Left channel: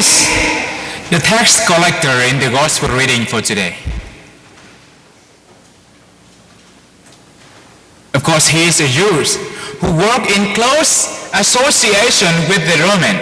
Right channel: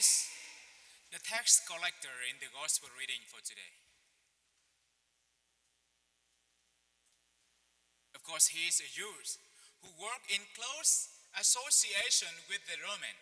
is the tax collector in the gospel reading for today? Of course, he is a Jew who worked in close association with the Roman.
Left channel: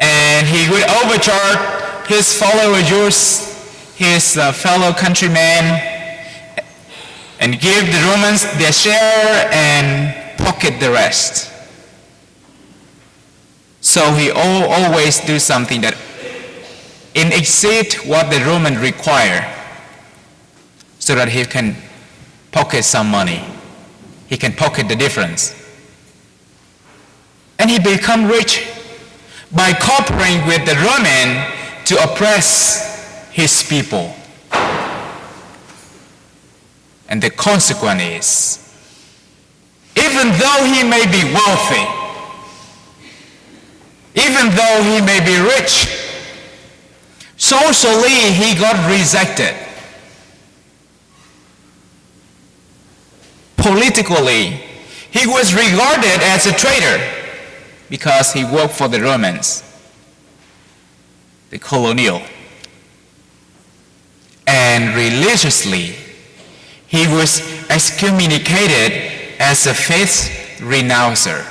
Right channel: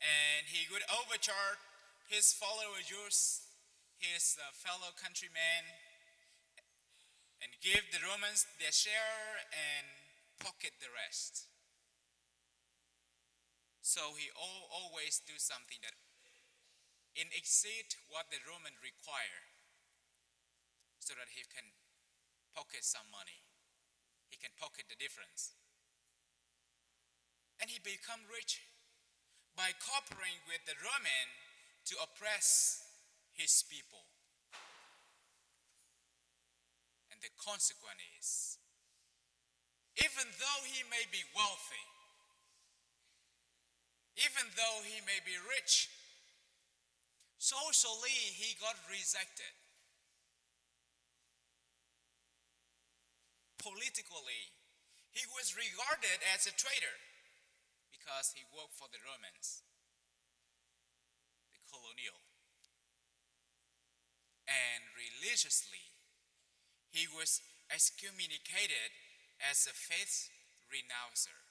And he would overcharge his fellow Jews, his fellow countrymen, and give the Romans their share and pocket the rest. So he always do something that exceed what the Roman require, so that he can pocket some money. He can pocket the difference. And he become rich by cooperating with the Roman to oppress his people. And the consequence is, even though he may be wealthy, even though he may be rich, socially he got rejected. Politically, he was regarded as a traitor because he worked for the Romans, the colonial. And religiously, he was excommunicated as a faith renouncer.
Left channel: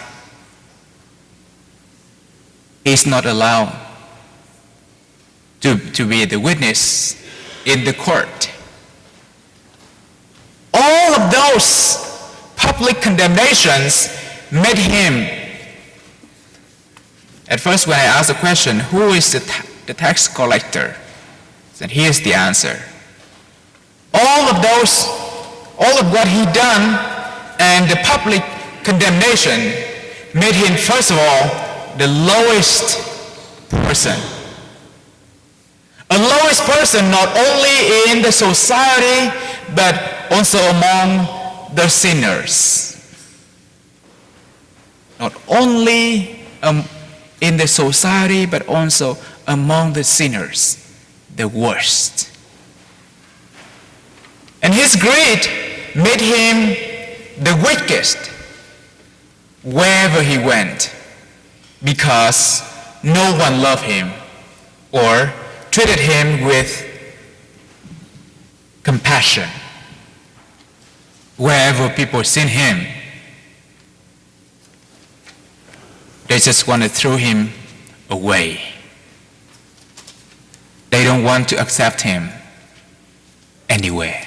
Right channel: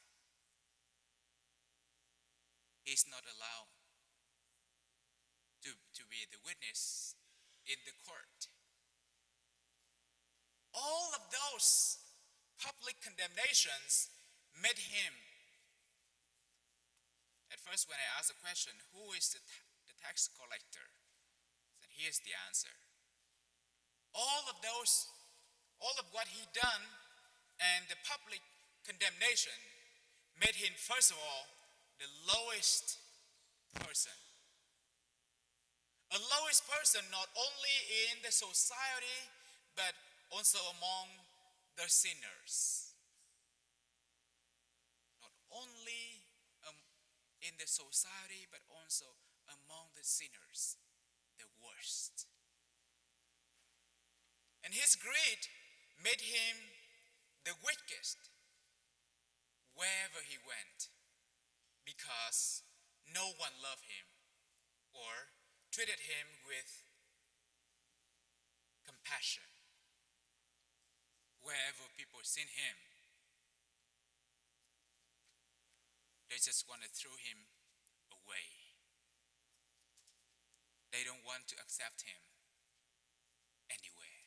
He's not allowed to be the witness in the court. All of those public condemnations made him, at first when I asked the question, who is the tax collector? Then here's the answer. All of what he done and the public condemnation made him, first of all, the lowest person. A lowest person not only in the society, but also among the sinners. Not only in the society, but also among the sinners, the worst. And his greed made him the weakest wherever he went, because no one loved him or treated him with compassion. Wherever people seen him, they just want to throw him away. They don't want to accept him anywhere.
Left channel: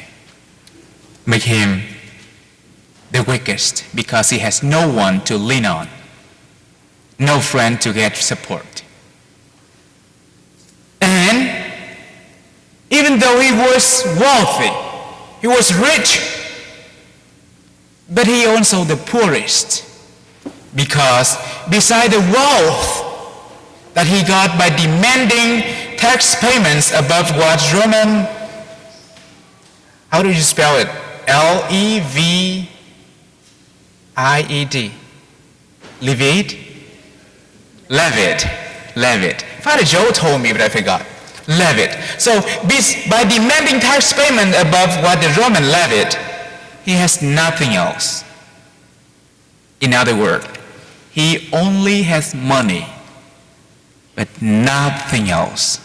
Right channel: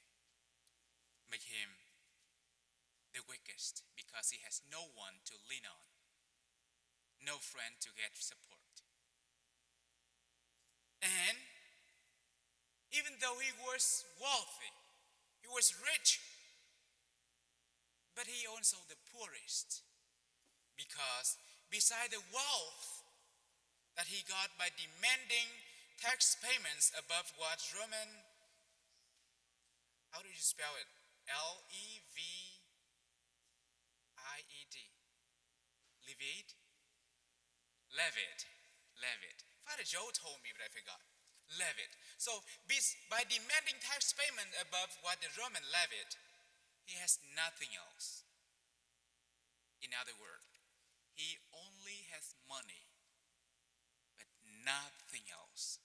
Make him the weakest because he has no one to lean on, no friend to get support. And even though he was wealthy, he was rich, but he also the poorest, because beside the wealth that he got by demanding tax payments above what Roman, how do you spell it? Levied. Levied. Father Joe told me, but I forgot. Levied. So by demanding tax payment above what the Roman levied, he has nothing else. In other words, he only has money, but nothing else.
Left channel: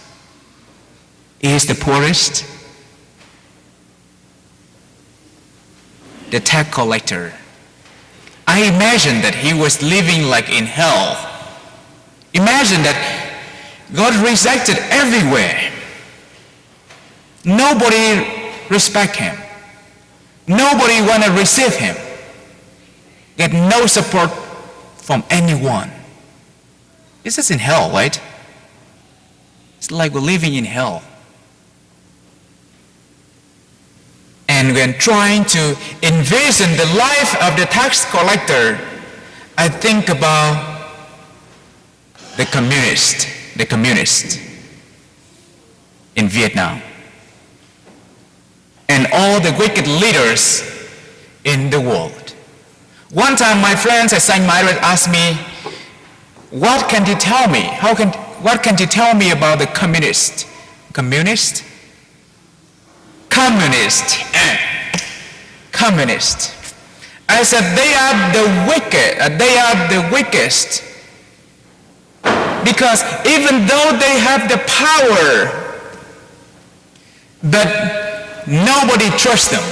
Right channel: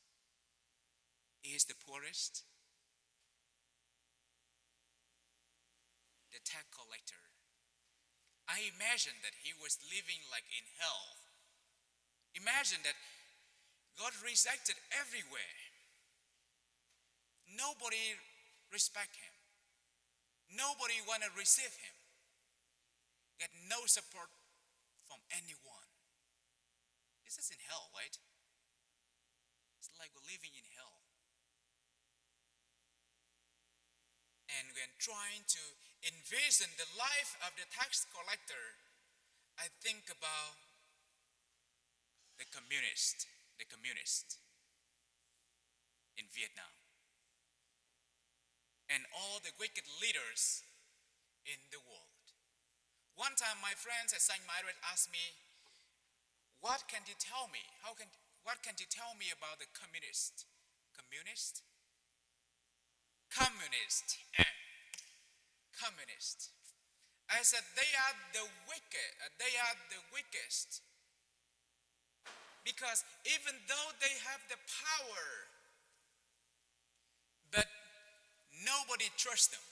He is the poorest, the tax collector. I imagine that he was living like in hell. Imagine that God rejected everywhere. Nobody respect him. Nobody want to receive him. Get no support from anyone. This is in hell, right? It's like we're living in hell. And when trying to envision the life of the tax collector, I think about the communist in Vietnam, and all the wicked leaders in the world. One time my friends at St. Myriad asked me, what can you tell me? What can you tell me about the communist? Communist? Communist. I said, they are the wicked. They are the weakest Because even though they have the power, but nobody trusts them.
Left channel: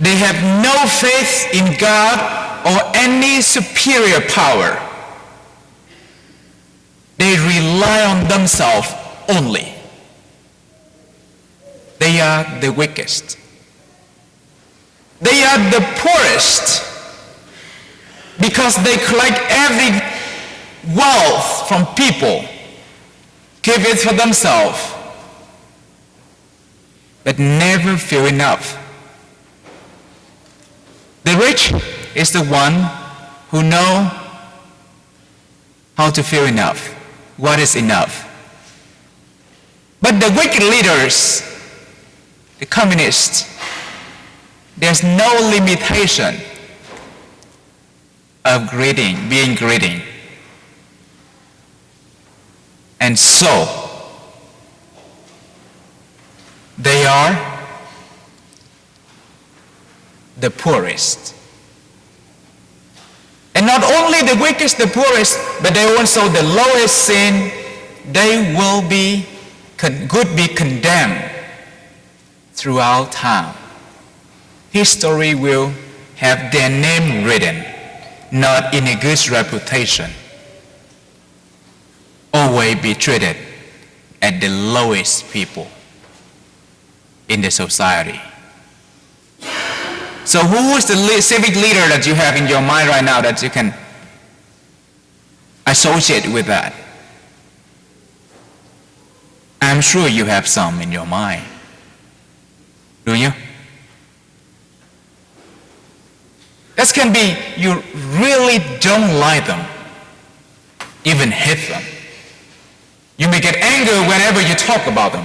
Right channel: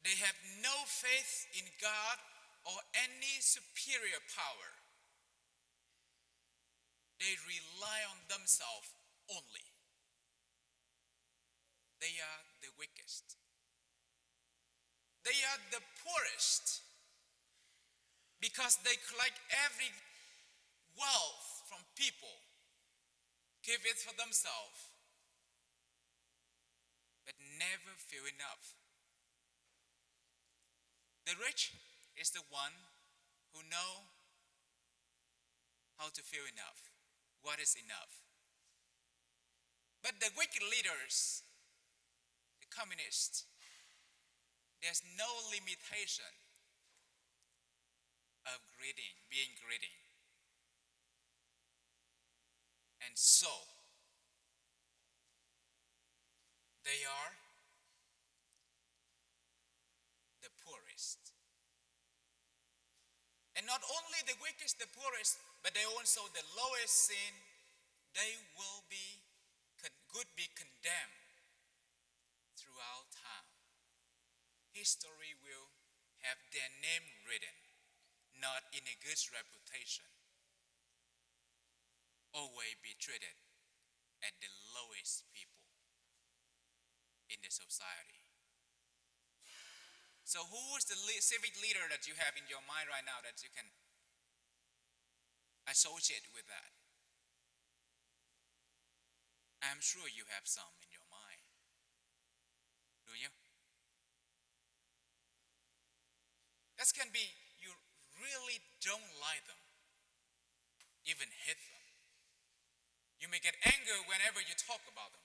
They have no faith in God or any superior power. They rely on themselves only. They are the weakest. They are the poorest because they collect every wealth from people, give it for themselves, but never feel enough. The rich is the one who know how to feel enough, what is enough. But the wicked leaders, the communists, there's no limitation of being greedy. And so, they are the poorest. And not only the weakest, the poorest, but they also the lowest sin, they will be condemned throughout time. History will have their name written, not in a good reputation. Always be treated as the lowest people in the society. So who is the civic leader that you have in your mind right now that you can associate with that? I'm sure you have some in your mind. Do you? That can be you really don't like them, even hate them. You may get angry whenever you talk about them.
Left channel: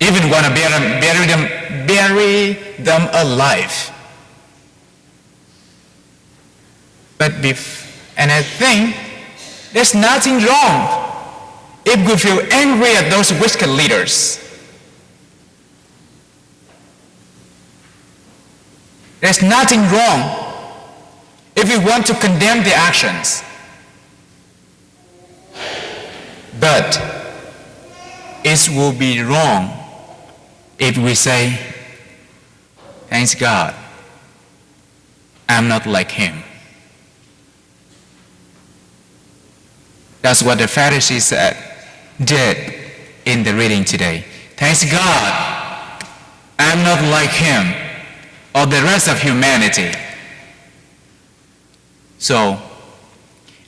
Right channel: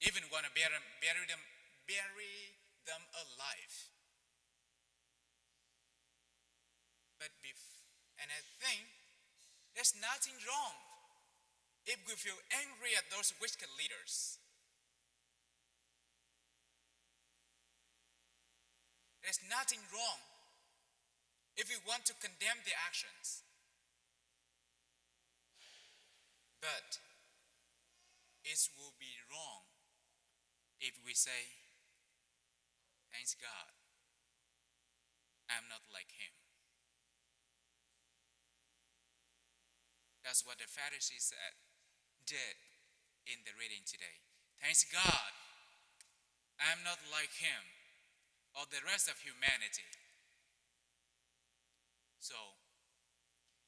Even want to bury them alive. And I think there's nothing wrong if we feel angry at those wicked leaders. There's nothing wrong if we want to condemn their actions. But it will be wrong if we say, thanks God, I'm not like him. That's what the Pharisees did in the reading today. Thanks God, I'm not like him or the rest of humanity. So,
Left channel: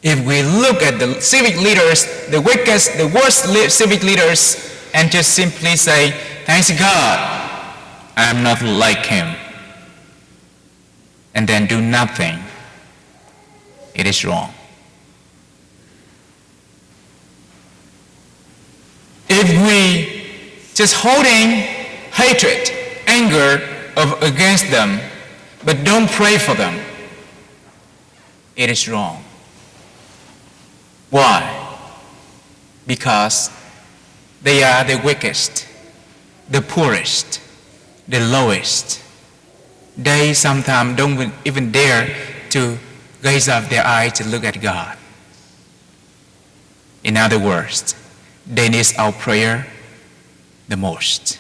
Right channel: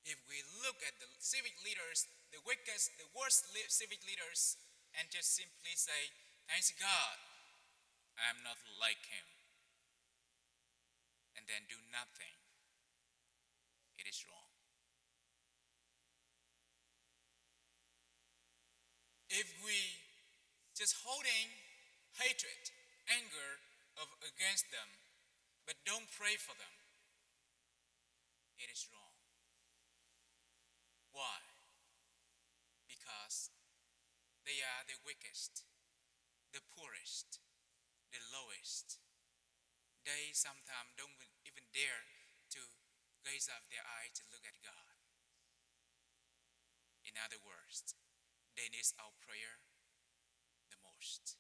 if we look at the civic leaders, the weakest, the worst civic leaders, and just simply say, thanks God, I'm not like him, and then do nothing, it is wrong. If we just holding hatred, anger against them, but don't pray for them, it is wrong. Why? Because they are the weakest, the poorest, the lowest. They sometimes don't even dare to raise up their eyes to look at God. In other words, they need our prayer the most.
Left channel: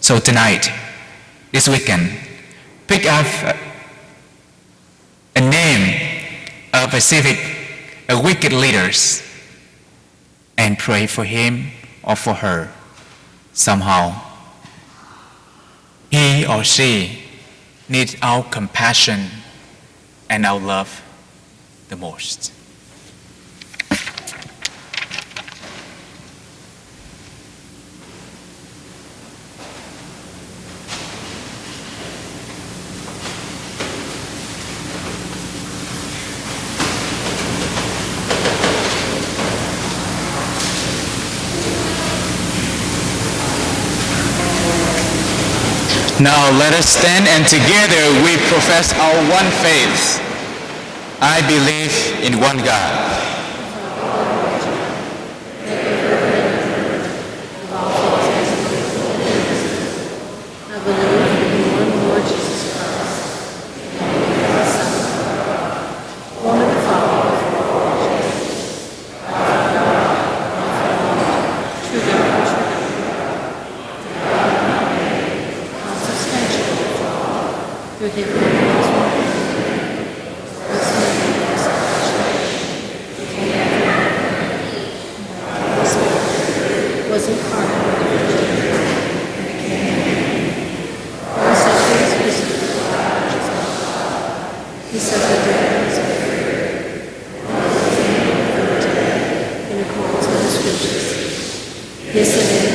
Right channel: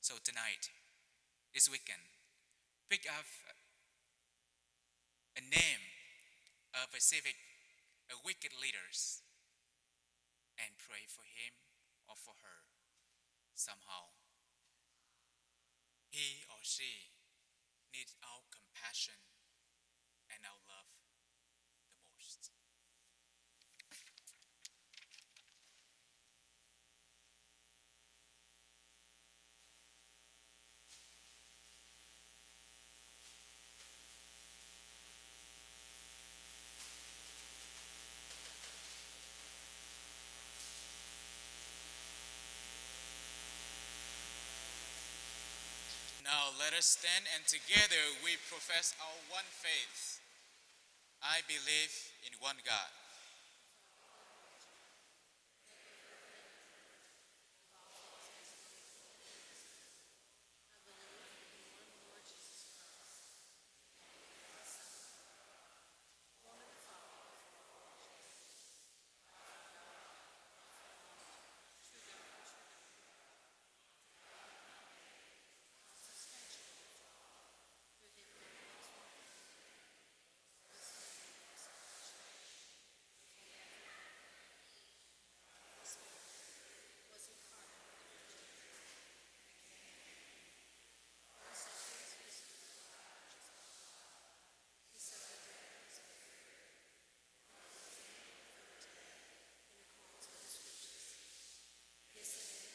So tonight, this weekend, pick up a name of a wicked leaders and pray for him or for her. Somehow, he or she needs our compassion and our love the most. Now let us stand and together we profess our one faith. I believe in one God. One of He suffered death in accordance with the Scriptures. He ascended